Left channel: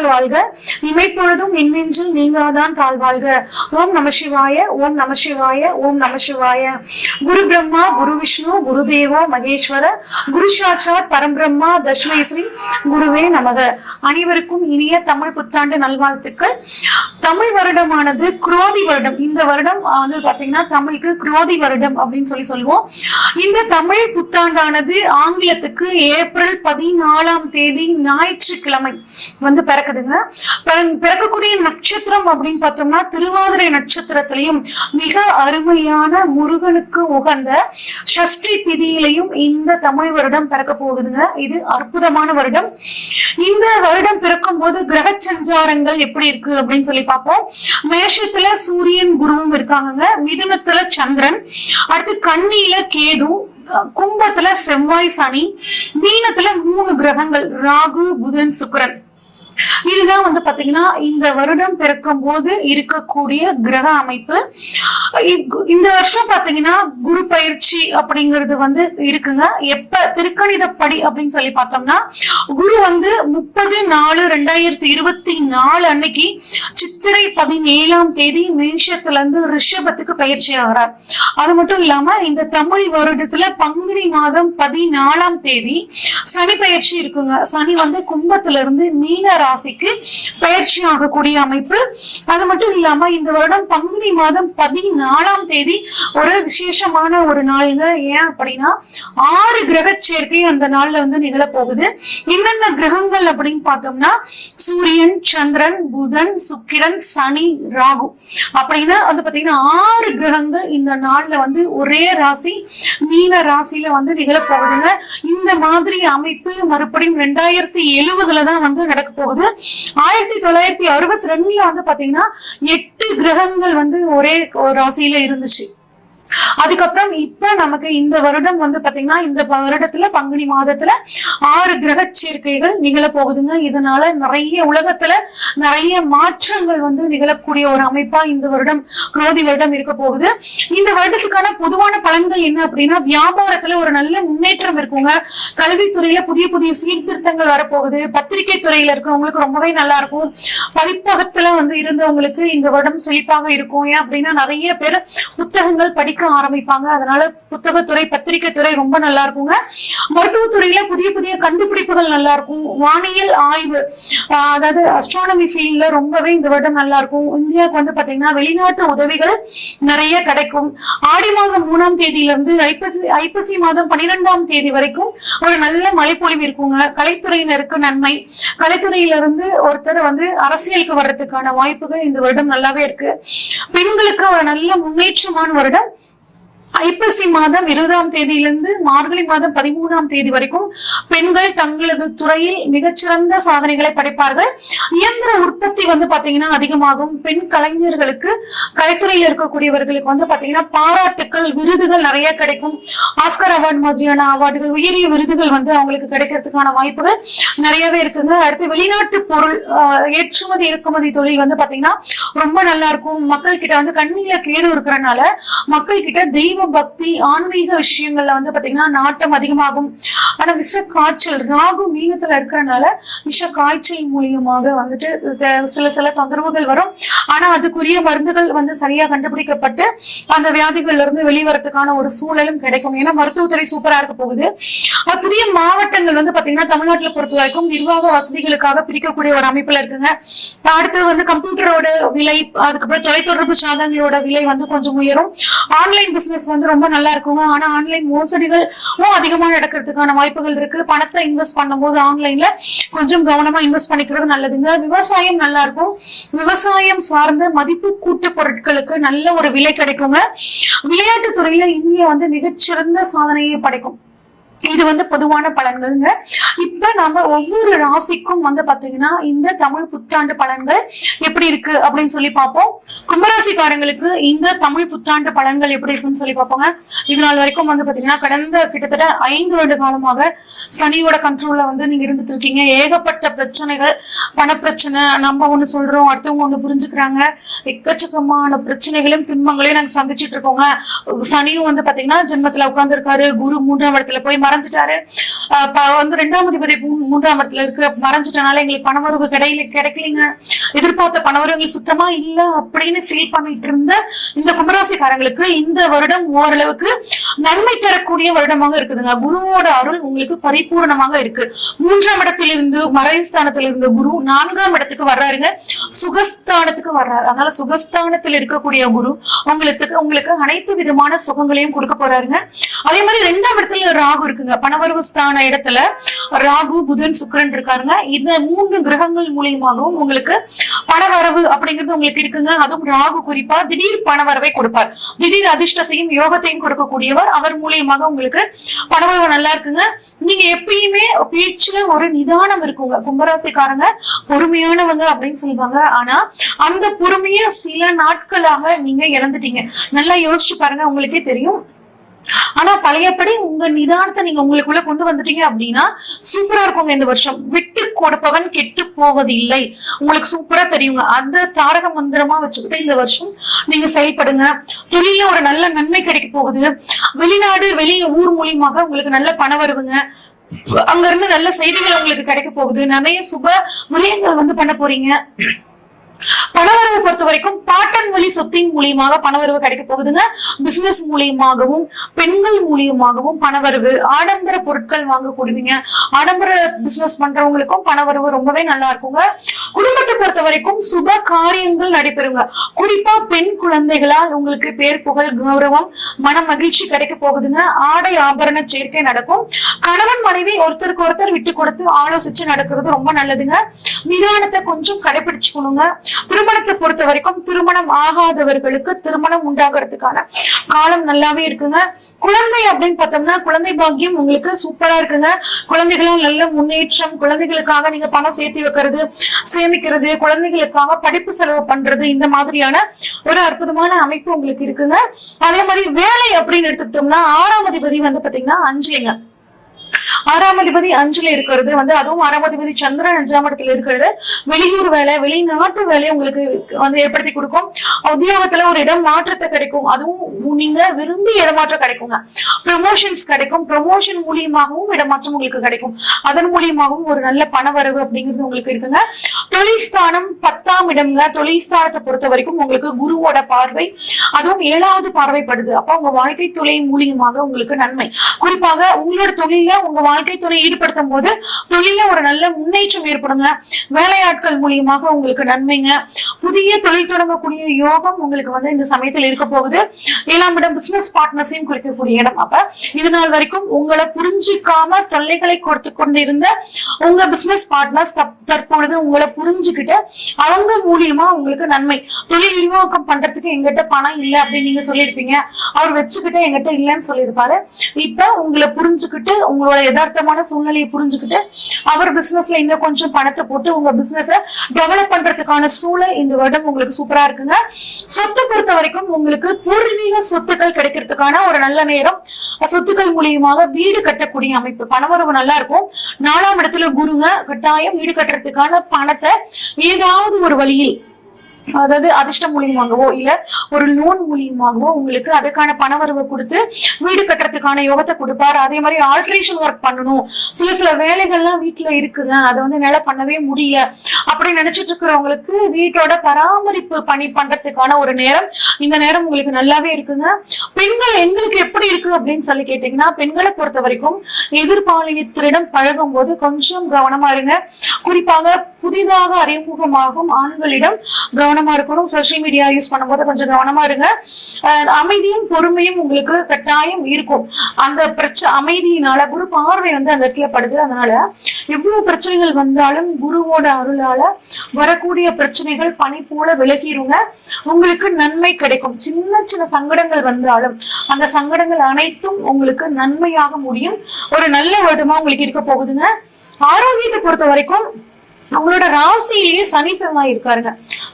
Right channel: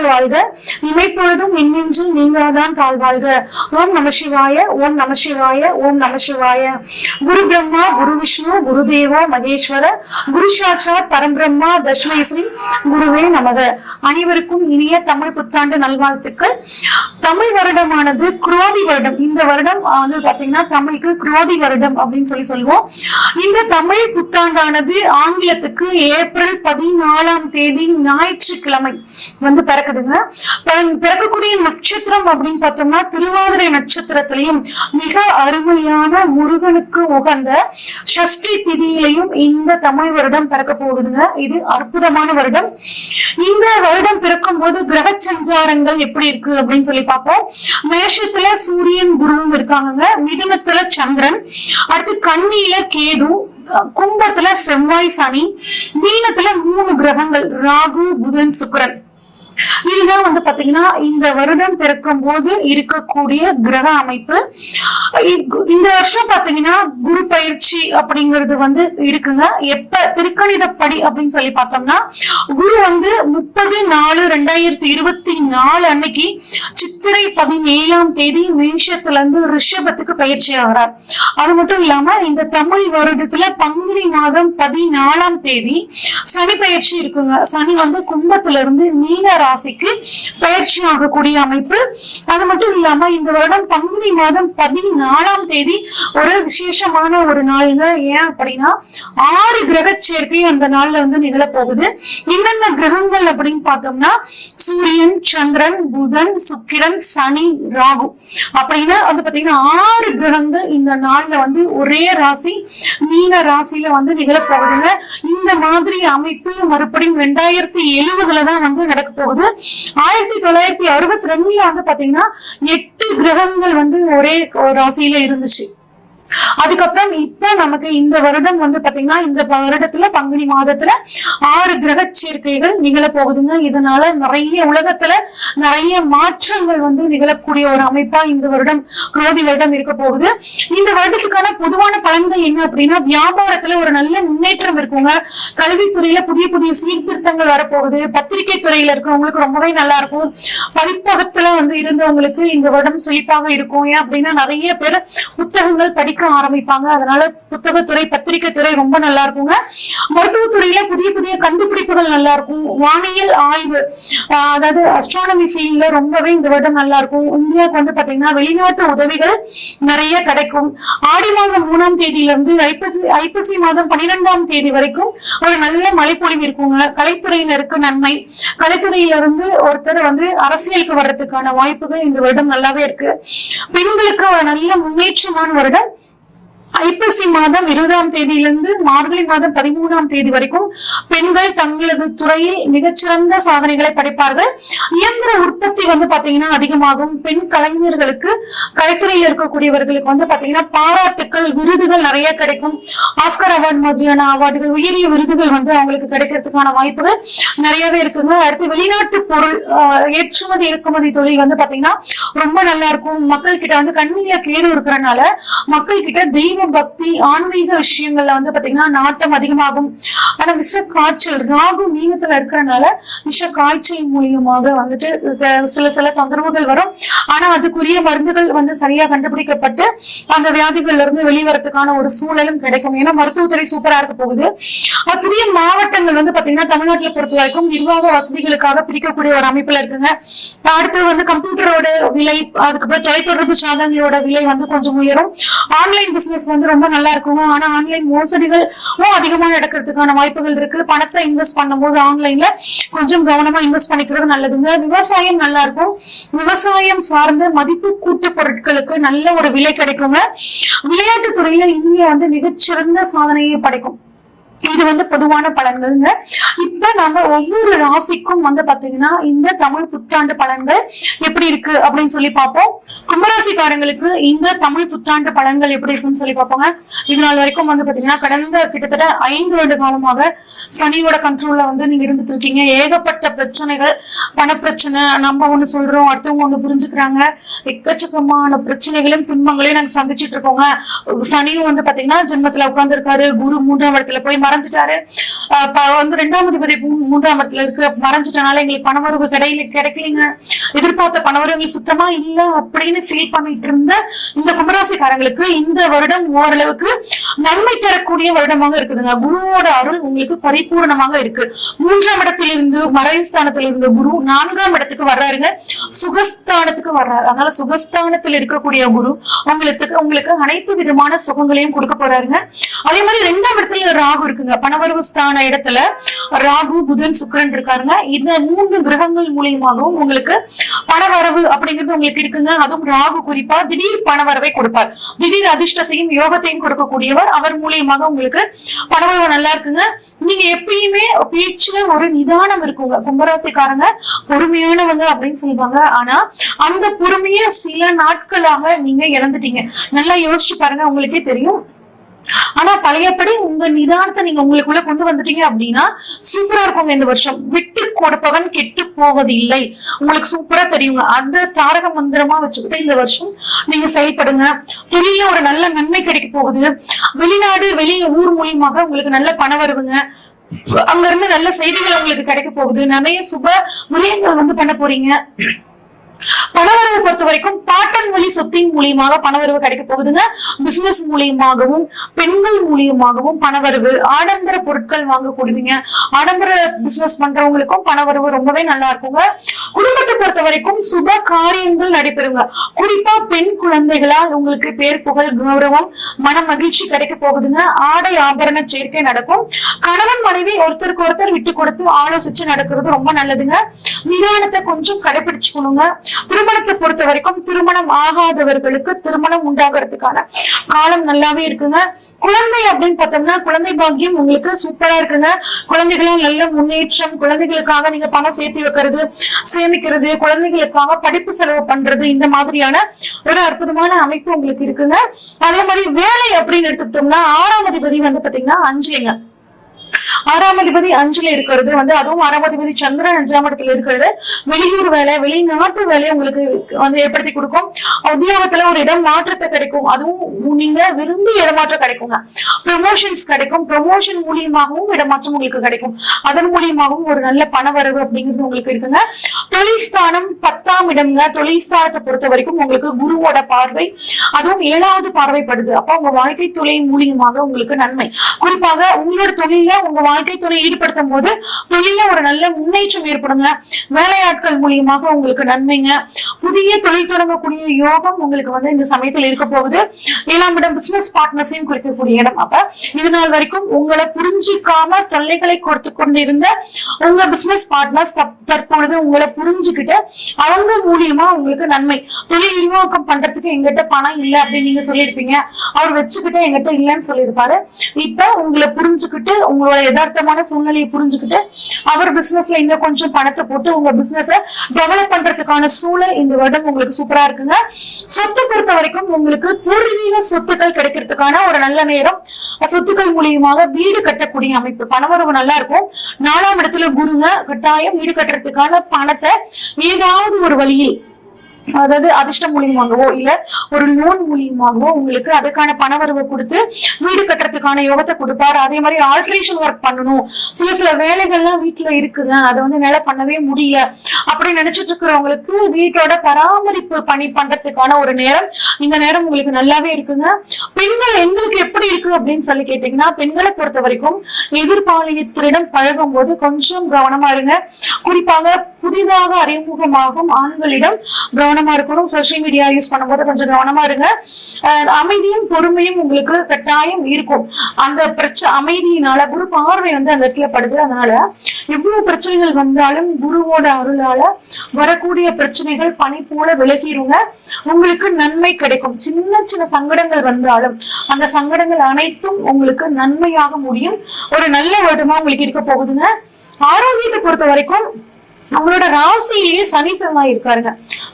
நல்லால் வாழ்க, இமைப்பொழுதும் என்னென்றும் நீங்காதான் தாழ்வாழ்க. ஓம் நம சிவாய, ஓம் நம சிவாய, ஓம் நம சிவாய. குரு பிரம்மா, குரு விஷ்ணு, குரு தேவோ மகேஸ்வர, குரு சாட்சாத் பரம்பிரம்மா தஸ்மை ஸ்ரீ குருவே நமக. அனைவருக்கும் இனிய தமிழ் புத்தாண்டு நல்வாழ்த்துக்கள். தமிழ் வருடமானது குரோதி வருடம். இந்த வருடம் பாத்தீங்கன்னா தமிழுக்கு குரோதி வருடம் அப்படின்னு சொல்லுவோம். இந்த தமிழ் புத்தாண்டானது ஆங்கிலத்துக்கு ஏப்ரல் 14 ஞாயிற்றுக்கிழமை பிறக்குதுங்க. பிறக்கக்கூடிய நட்சத்திரம் அப்படின்னு பார்த்தோம்னா திருவாதிரை நட்சத்திரத்திலையும் மிக அருமையான முருகனுக்கு உகந்த சஷ்டி திதியிலையும் இந்த தமிழ் வருடம் பிறக்க போகுதுங்க. இது அற்புதமான வருடம். இந்த வருடம் பிறக்கும் போது கிரக சஞ்சாரங்கள் எப்படி இருக்கு அப்படின்னு சொல்லி பார்ப்போம். மேஷத்துல சூரியன் குருவும் இருக்காங்க, மிதுனத்துல சந்திரன், அடுத்து கன்னியில கேது, கும்பத்துல செவ்வாய் சனி, மீனத்துல 3 கிரகங்கள் ராகு புதன் சுக்கிரன். இதுதான் பாத்தீங்கன்னா இந்த வருடம் பிறக்கும் போது இருக்கக்கூடிய கிரக அமைப்பு. இந்த வருஷம் பாத்தீங்கன்னா குரு பயிற்சி அப்படிங்கிறது இருக்குங்க. எப்ப திருக்கணிதப்படி அப்படின்னு சொல்லி பார்த்தோம்னா குரு 30/4/2024 அன்னைக்கு சித்திரை 17 மேஷத்துல இருந்து ரிஷபத்துக்கு பயிற்சி ஆகிறார். அது மட்டும் இல்லாம இந்த தமிழ் வருடத்துல பங்குனி மாதம் 14 சனி பயிற்சி இருக்குங்க. சனி கும்பத்துல இருந்து மீன ராசிக்கு பயிற்சி ஆகக்கூடிய அமைப்பு. அது மட்டும் இல்லாம இந்த வருடம் பங்குனி மாதம் 14 ஒரு விசேஷமான ஒரு நாள்ங்க. ஏன் அப்படின்னா 6 கிரக சேர்க்கை அந்த நாள்ல நிகழ போகுது. என்னென்ன கிரகங்கள் அப்படின்னு பார்த்தோம்னா சூரியன், சந்திரன், புதன், சுக்கிரன், சனி, ராகு அப்படின்னா பாத்தீங்கன்னா 6 கிரகங்கள் இந்த நாள்ல ஒரே ராசி மீன ராசியில நிகழ போகுதுங்க. இந்த மாதிரி அமைப்பு மறுபடியும் 2070 தான் நடக்க போகுது. 1962 பாத்தீங்கன்னா 8 கிரகங்கள் ஒரே ராசியில இருந்துச்சு. அதுக்கப்புறம் இப்ப நமக்கு இந்த வருடம் பாத்தீங்கன்னா இந்த வருடத்துல பங்குனி மாதத்துல 6 கிரக சேர்க்கைகள் நிகழ போகுதுங்க. இதனால நிறைய உலகத்துல நிறைய மாற்றங்கள் நிகழக்கூடிய ஒரு அமைப்பா இந்த வருடம் குரோதி வருடம் இருக்க போகுது. இந்த வருடத்துக்கான பொதுவான பலன்கள் என்ன அப்படின்னா வியாபாரத்துல ஒரு நல்ல முன்னேற்றம் இருக்குங்க. கல்வித்துறையில புதிய புதிய சீர்திருத்தங்கள் வரப்போகுது. பத்திரிகை துறையில இருக்கவங்களுக்கு ரொம்பவே நல்லா இருக்கும். பதிப்பகத்துல இருந்தவங்களுக்கு இந்த வருடம் செழிப்பாக இருக்கும். ஏன் அப்படின்னா நிறைய பேர் புத்தகங்கள் படிக்க ஆரம்பிப்பாங்க. அதனால புத்தகத்துறை பத்திரிகை துறை ரொம்ப நல்லா இருக்குங்க. மருத்துவத்துறையில புதிய புதிய கண்டுபிடிப்புகள் நல்லா இருக்கும். வானியல் ஆய்வு அதாவது அஸ்ட்ரானமி ஃபீல்ட்ல ரொம்பவே இந்த வருடம் நல்லா இருக்கும். இந்தியாவுக்கு பாத்தீங்கன்னா வெளிநாட்டு உதவிகள் நிறைய கிடைக்கும். ஆடி மாதம் 3ஆம் தேதியிலிருந்து ஐப்பசி மாதம் 12ஆம் தேதி வரைக்கும் ஒரு நல்ல மழைப்பொழிவு இருக்குங்க. கலைத்துறையினருக்கு நன்மை. கலைத்துறையிலிருந்து ஒருத்தர் அரசியலுக்கு வர்றதுக்கான வாய்ப்புகள் இந்த வருடம் நல்லாவே இருக்கு. பெண்களுக்கு ஒரு நல்ல முன்னேற்றமான வருடம். ஐப்பசி மாதம் 20ஆம் தேதியிலிருந்து மார்கழி மாதம் 13ஆம் தேதி வரைக்கும் பெண்கள் தங்களது துறையில் மிகச்சிறந்த சாதனைகளை படைப்பார்கள். இயந்திர உற்பத்தி பாத்தீங்கன்னா அதிகமாகும். பெண் கலைஞர்களுக்கு கலைத்துறையில் இருக்கக்கூடியவர்களுக்கு பாத்தீங்கன்னா பாராட்டுக்கள், விருதுகள் நிறைய கிடைக்கும். ஆஸ்கர் அவார்டு மாதிரியான அவார்டுகள், உயரிய விருதுகள் அவங்களுக்கு கிடைக்கிறதுக்கான வாய்ப்புகள் நிறையவே இருக்குங்க. அடுத்து வெளிநாட்டு பொருள் ஏற்றுமதி இறக்குமதி தொழில் பாத்தீங்கன்னா ரொம்ப நல்லா இருக்கும். மக்கள் கிட்ட கண்ணில கேடு இருக்கிறதுனால மக்கள் கிட்ட தெய்வ பக்தி ஆன்மீக விஷயங்கள்ல பாத்தீங்கன்னா நாட்டம் அதிகமாகும். ஆனா விஷ காய்ச்சல் ராகு மீனத்துல இருக்கிறதுனால விஷ காய்ச்சல் மூலியமாக சில தொந்தரவுகள் வரும். ஆனா அதுக்குரிய மருந்துகள் சரியா கண்டுபிடிக்கப்பட்டு அந்த வியாதிகள்ல இருந்து வெளிவரத்துக்கான ஒரு சூழலும் கிடைக்கும். ஏன்னா மருத்துவத்துறை சூப்பரா இருக்க போகுது. புதிய மாவட்டங்கள் பாத்தீங்கன்னா தமிழ்நாட்டுல பொறுத்த வரைக்கும் நிர்வாக வசதிகளுக்காக பிரிக்கக்கூடிய ஒரு அமைப்புல இருக்குங்க. அடுத்து கம்ப்யூட்டரோட விலை, அதுக்கப்புறம் தொலைத்தொடர்பு சாதனங்களோட விலை கொஞ்சம் உயரும். ஆன்லைன் பிசினஸ் ரொம்ப நல்லா இருக்குங்க. ஆனா ஆன்லைன் மோசடிகள் அதிகமா நடக்கிறதுக்கான வாய்ப்புகள் இருக்கு. பணத்தை இன்வெஸ்ட் பண்ணும் போது ஆன்லைன்ல கொஞ்சம் கவனமா இன்வெஸ்ட் பண்ணிக்கிறது நல்லதுங்க. விவசாயம் நல்லா இருக்கும். விவசாயம் சார்ந்த மதிப்பு கூட்டு பொருட்களுக்கு நல்ல ஒரு விலை கிடைக்குங்க. விளையாட்டு துறையில இந்தியா மிகச்சிறந்த சாதனையை படைக்கும். இது பொதுவான பலன்கள்ங்க. இப்ப நம்ம ஒவ்வொரு ராசிக்கும் பாத்தீங்கன்னா இந்த தமிழ் புத்தாண்டு பலன்கள் எப்படி இருக்கு அப்படின்னு சொல்லி பார்ப்போம். கும்பராசிக்காரங்களுக்கு இந்த தமிழ் புத்தாண்டு பலன்கள் எப்படி இருக்குன்னு சொல்லி பார்ப்போங்க. இதனால் வரைக்கும் பாத்தீங்கன்னா கடந்த கிட்டத்தட்ட 5 வருட காலமாக சனியோட கண்ட்ரோல்ல நீங்க இருந்துட்டு இருக்கீங்க. ஏகப்பட்ட பிரச்சனைகள், பணப்பிரச்சனை, நம்ம ஒண்ணு சொல்றோம் அடுத்தவங்க ஒண்ணு புரிஞ்சுக்கிறாங்க. எக்கச்சக்கமான பிரச்சனைகளும் துன்பங்களையும் நாங்க சந்திச்சுட்டு இருக்கோங்க. சனியும் பாத்தீங்கன்னா ஜென்மத்துல உட்கார்ந்து இருக்காரு. குரு 3ஆம் இடத்துல போய் மறைஞ்சிட்டாரு, வந்து 2ஆம் அதிபதி 3ஆம் இடத்துல இருக்கு, மறைஞ்சிட்டனால எங்களுக்கு பணவரவு கிடைக்கலைங்க, எதிர்பார்த்த பணவரவு எங்களுக்கு சுத்தமா இல்ல அப்படின்னு ஃபீல் பண்ணிட்டு இருந்த இந்த கும்பராசிக்காரங்களுக்கு இந்த வருடம் ஓரளவுக்கு நன்மை தரக்கூடிய வருடமாக இருக்குதுங்க. குருவோட அருள் உங்களுக்கு பரிபூர்ணமாக இருக்கு. 3ஆம் இடத்திலிருந்து மறைஸ்தானத்திலிருந்து குரு 4ஆம் இடத்துக்கு வர்றாருங்க, சுகஸ்தானத்துக்கு வர்றாரு. அதனால சுகஸ்தானத்தில் இருக்கக்கூடிய குரு உங்களுக்கு அனைத்து விதமான சுகங்களையும் கொடுக்க போறாருங்க. அதே மாதிரி 2ஆம் இடத்துல ராகு இருக்குங்க, பணவரவு ஸ்தான இடத்துல ராகு, புதன், சுக்கிரன் இருக்காருங்க. இந்த 3 கிரகங்கள் மூலியமாகவும் உங்களுக்கு பணவரவு அப்படிங்கிறது உங்களுக்கு இருக்குங்க. அதுவும் ராகு குறிப்பா திடீர் பணவரவை கொடுப்பார், திடீர் அதிர்ஷ்டத்தையும் யோகத்தையும் கொடுக்கக்கூடியவர். அவர் மூலியமாக உங்களுக்கு பணவரவு நல்லா இருக்குங்க. நீங்க எப்பயுமே பேச்சுல ஒரு நிதானம் இருக்குங்க. கும்பராசிக்காரங்க பொறுமையானவங்க அப்படின்னு சொல்லுவாங்க. ஆனா அந்த பொறுமைய சில நாட்களாக நீங்க இழந்துட்டீங்க. நல்லா யோசிச்சு பாருங்க, உங்களுக்கே தெரியும். ஆனா பழையபடி உங்க நிதானத்தை நீங்க உங்களுக்குள்ள கொண்டு வந்துட்டீங்க அப்படின்னா சூப்பரா இருக்குங்க. இந்த வருஷம் விட்டு கொடுப்பவன் கெட்டு போவதில்லை, உங்களுக்கு சூப்பரா தெரியுங்க. அந்த தாரக மந்திரமா வச்சுக்கிட்டு இந்த வருஷம் நீங்க செயல்படுங்க. பெரிய ஒரு நல்ல நன்மை கிடைக்க போகுது. வெளிநாடு வெளி ஊர் மூலியமாக உங்களுக்கு நல்ல பணம் வருதுங்க. அங்க இருந்து நல்ல செய்திகள் உங்களுக்கு கிடைக்க போகுது. நிறைய சுப விரயங்கள் வந்து பண்ண போறீங்க. பணவரவை பொறுத்த வரைக்கும் பாட்டன் வழி சொத்தின் மூலியமாக பணவரவு கிடைக்க போகுதுங்க. பிசினஸ் மூலியமாகவும் பெண்கள் மூலியமாகவும் பணவரவு, ஆடம்பர பொருட்கள் வாங்கக்கூடியவங்க, ஆடம்பர பிசினஸ் பண்றவங்களுக்கும் பணவரவு ரொம்பவே நல்லா இருக்குங்க. குடும்பத்தை பொறுத்த வரைக்கும் சுப காரியங்கள் நடைபெறுங்க. குறிப்பா பெண் குழந்தைகளால் உங்களுக்கு பேர் புகழ் கௌரவம் மன மகிழ்ச்சி கிடைக்க போகுதுங்க. ஆடை ஆபரண சேர்க்கை நடக்கும். கணவன் மனைவி ஒருத்தருக்கு ஒருத்தர் விட்டு கொடுத்து ஆலோசிச்சு நடக்கிறது ரொம்ப நல்லதுங்க. நிதானத்தை கொஞ்சம் கடைபிடிச்சுக்கணுங்க. திருமணத்தை பொறுத்த வரைக்கும் திருமணம் ஆகாதவர்களுக்கு திருமணம் உண்டாகிறதுக்கான காலம் நல்லாவே இருக்குங்க. குழந்தை அப்படின்னு பார்த்தோம்னா குழந்தை பாக்கியம் உங்களுக்கு சூப்பரா இருக்குங்க. குழந்தைகளும் நல்ல முன்னேற்றம், குழந்தைகளுக்காக நீங்க பணம் சேர்த்து வைக்கிறது, சேமிக்கிறது, குழந்தைகளுக்காக படிப்பு செலவு பண்றது, இந்த மாதிரியான ஒரு அற்புதமான அமைப்பு உங்களுக்கு இருக்குங்க. அதே மாதிரி வேலை அப்படின்னு எடுத்துக்கிட்டோம்னா 6ஆம் அதிபதி வந்து பாத்தீங்கன்னா 5ங்க. 6ஆம் அதிபதி 5ல இருக்கிறது வந்து, அதுவும் 6ஆம் அதிபதி சந்திரன் 5ஆம் இடத்துல இருக்கிறது வெளியூர் வேலை, வெளிநாட்டு வேலையை உங்களுக்கு வந்து ஏற்படுத்தி கொடுக்கும். உத்தியோகத்துல ஒரு இடம் மாற்றத்தை கிடைக்கும். அதுவும் நீங்க விரும்பி இடமாற்றம் கிடைக்குங்க. ப்ரமோஷன்ஸ் கிடைக்கும். ப்ரமோஷன் மூலியமாகவும் இடமாற்றம் உங்களுக்கு கிடைக்கும். அதன் மூலியமாகவும் ஒரு நல்ல பண வரவு அப்படிங்கிறது உங்களுக்கு இருக்குங்க. தொழில் ஸ்தானம் 10ஆம் இடம்ங்க. தொழில் ஸ்தானத்தை பொறுத்த வரைக்கும் உங்களுக்கு குருவோட பார்வை, அதுவும் 7வது பார்வைப்படுது. அப்ப உங்க வாழ்க்கை தொழில் மூலியமாக உங்களுக்கு நன்மை. குறிப்பாக உங்களோட தொழில உங்க வாழ்க்கை துணை ஈடுபடுத்தும் போது தொழில ஒரு நல்ல முன்னேற்றம் ஏற்படுங்க. வேலையாட்கள் மூலியமாக உங்களுக்கு நன்மைங்க. புதிய தொழில் தொடங்கக்கூடிய யோகம் உங்களுக்கு வந்து இந்த சமயத்தில் இருக்க போகுது. 7ஆம் இடம் பிசினஸ் பார்ட்னர்ஸையும் குறிக்கக்கூடிய இடம். அப்ப இது நாள் வரைக்கும் உங்களை புரிஞ்சுக்காம தொல்லைகளை கொடுத்து கொண்டிருந்த உங்க பிசினஸ் பார்ட்னர்ஸ் தற்பொழுது உங்களை புரிஞ்சுக்கிட்டு அவங்க மூலியமா உங்களுக்கு நன்மை. தொழில் விரிவாக்கம் பண்றதுக்கு எங்கிட்ட பணம் இல்லை அப்படின்னு நீங்க சொல்லியிருப்பீங்க. அவர் வச்சுக்கிட்டு எங்கிட்ட இல்லைன்னு சொல்லியிருப்பாரு. இப்ப உங்களை புரிஞ்சுக்கிட்டு உங்களோட யதார்த்தமான சூழ்நிலையை புரிஞ்சுக்கிட்டு அவர் பிசினஸ்ல இன்னும் கொஞ்சம் பணத்தை போட்டு உங்க பிசினஸ் டெவலப் பண்றதுக்கான சூழல் இந்த வருடம் உங்களுக்கு சூப்பரா இருக்குங்க. சொத்து பொறுத்த வரைக்கும் உங்களுக்கு பூர்வீக சொத்துக்கள் கிடைக்கிறதுக்கான ஒரு நல்ல நேரம். சொத்துக்கள் மூலியமாக வீடு கட்டக்கூடிய அமைப்பு, பணவரவு நல்லா இருக்கும். 4ஆம் இடத்துல குருங்க, கட்டாயம் வீடு கட்டுறதுக்கான பணத்தை ஏதாவது ஒரு வழியில், அதாவது அதிர்ஷ்டம் மூலியமாகவோ இல்ல ஒரு லோன் மூலியமாகவோ உங்களுக்கு அதுக்கான பணவரவு கொடுத்து வீடு கட்டுறதுக்கான யோகத்தை கொடுப்பாரு. அதே மாதிரி ஆல்ட்ரேஷன் ஒர்க் பண்ணணும், சில வேலைகள்லாம் வீட்டுல இருக்குங்க, அதை வந்து என்னால பண்ணவே முடியல அப்படின்னு நினைச்சிட்டு இருக்கிறவங்களுக்கு வீட்டோட பராமரிப்பு பணி பண்றதுக்கான ஒரு நேரம், இந்த நேரம் உங்களுக்கு நல்லாவே இருக்குங்க. பெண்கள் எங்களுக்கு எப்படி இருக்கு அப்படின்னு சொல்லி கேட்டீங்கன்னா, பெண்களை பொறுத்த வரைக்கும் எதிர்பாலினத்திடம் பழகும் போது கொஞ்சம் கவனமா இருங்க. குறிப்பாக புதிதாக அறிமுகமாகும் ஆண்களிடம் கவனமா இருக்கணும். சோசியல் மீடியா யூஸ் பண்ணும்போது கொஞ்சம் கவனமா இருங்க. அமைதியும் பொறுமையும் உங்களுக்கு கட்டாயம் இருக்கும். அந்த அமைதியினால குரு பார்வை வந்து அந்த இடத்துல படுது. அதனால எவ்வளவு பிரச்சனைகள் வந்தாலும் குருவோட அருளால வரக்கூடிய பிரச்சனைகள் பனி போல விலகிருங்க. உங்களுக்கு நன்மை கிடைக்கும். சின்ன சின்ன சங்கடங்கள் வந்தாலும் அந்த சங்கடங்கள் அனைத்தும் உங்களுக்கு நன்மையாக முடியும். ஒரு நல்ல வருடமா உங்களுக்கு இருக்க போகுதுங்க. ஆரோக்கியத்தை பொறுத்த வரைக்கும் உங்களோட ராசியிலேயே சனி செவ்வாய் இருக்காருங்க.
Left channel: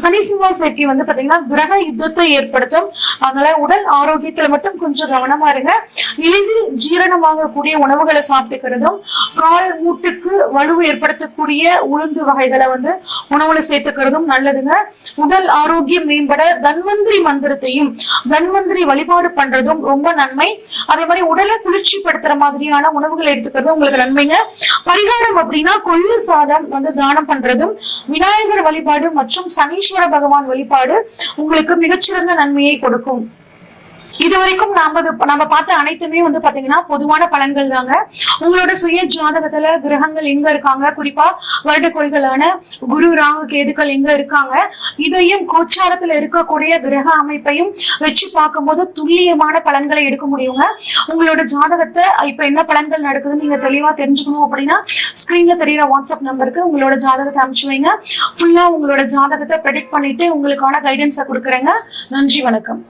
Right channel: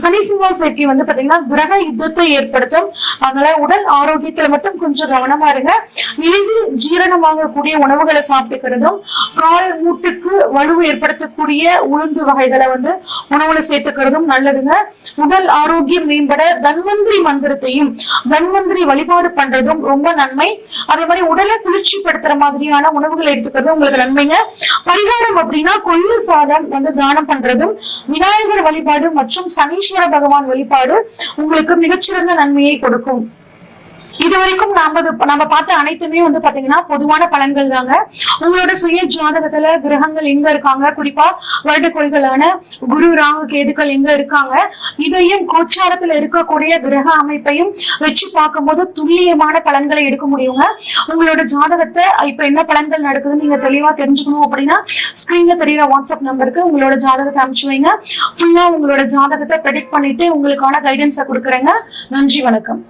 சனி செவ்வாய் சேர்க்கை வந்து பாத்தீங்கன்னா கிரக யுத்தத்தை ஏற்படுத்தும். அதனால உடல் ஆரோக்கியத்துல மட்டும் கொஞ்சம் கவனமா இருங்க. எளிதில் ஜீரணமாகக்கூடிய உணவுகளை சாப்பிட்டுக்கிறதும், கால் மூட்டுக்கு வலுவை ஏற்படுத்தக்கூடிய உளுந்து வகைகளை வந்து உணவுல சேர்த்துக்கிறதும் நல்லதுங்க. உடல் ஆரோக்கியம் மேம்பட தன்வந்திரி மந்திரத்தையும் தன்வந்திரி வழிபாடு பண்றதும் ரொம்ப நன்மை. அதே மாதிரி உடலை குளிர்ச்சிப்படுத்துற மாதிரியான உணவுகளை எடுத்துக்கிறதும் உங்களுக்கு நன்மைங்க. பரிகாரம் அப்படின்னா கொள்ளு சாதம் வந்து தானம் பண்றதும், விநாயகர் வழிபாடு மற்றும் சனீஸ்வர பகவான் வழிபாடு உங்களுக்கு மிகச்சிறந்த நன்மையை கொடுக்கும். இதுவரைக்கும் நம்ம பார்த்த அனைத்துமே வந்து பாத்தீங்கன்னா பொதுவான பலன்கள் தாங்க. உங்களோட சுய ஜாதகத்துல கிரகங்கள் எங்க இருக்காங்க, குறிப்பா வருடக்கோள்களான குரு ராகு கேதுக்கள் எங்க இருக்காங்க, இதையும் கோச்சாரத்துல இருக்கக்கூடிய கிரக அமைப்பையும் வச்சு பார்க்கும் போது துல்லியமான பலன்களை எடுக்க முடியுங்க. உங்களோட ஜாதகத்தை இப்ப என்ன பலன்கள் நடக்குதுன்னு நீங்க தெளிவா தெரிஞ்சுக்கணும் அப்படின்னா ஸ்கிரீன்ல தெரியுற வாட்ஸ்அப் நம்பருக்கு உங்களோட ஜாதகத்தை அனுப்பிச்சு வைங்க. ஃபுல்லா உங்களோட ஜாதகத்தை ப்ரெடிக்ட் பண்ணிட்டு உங்களுக்கான கைடன்ஸை கொடுக்குறேங்க. நன்றி, வணக்கம்.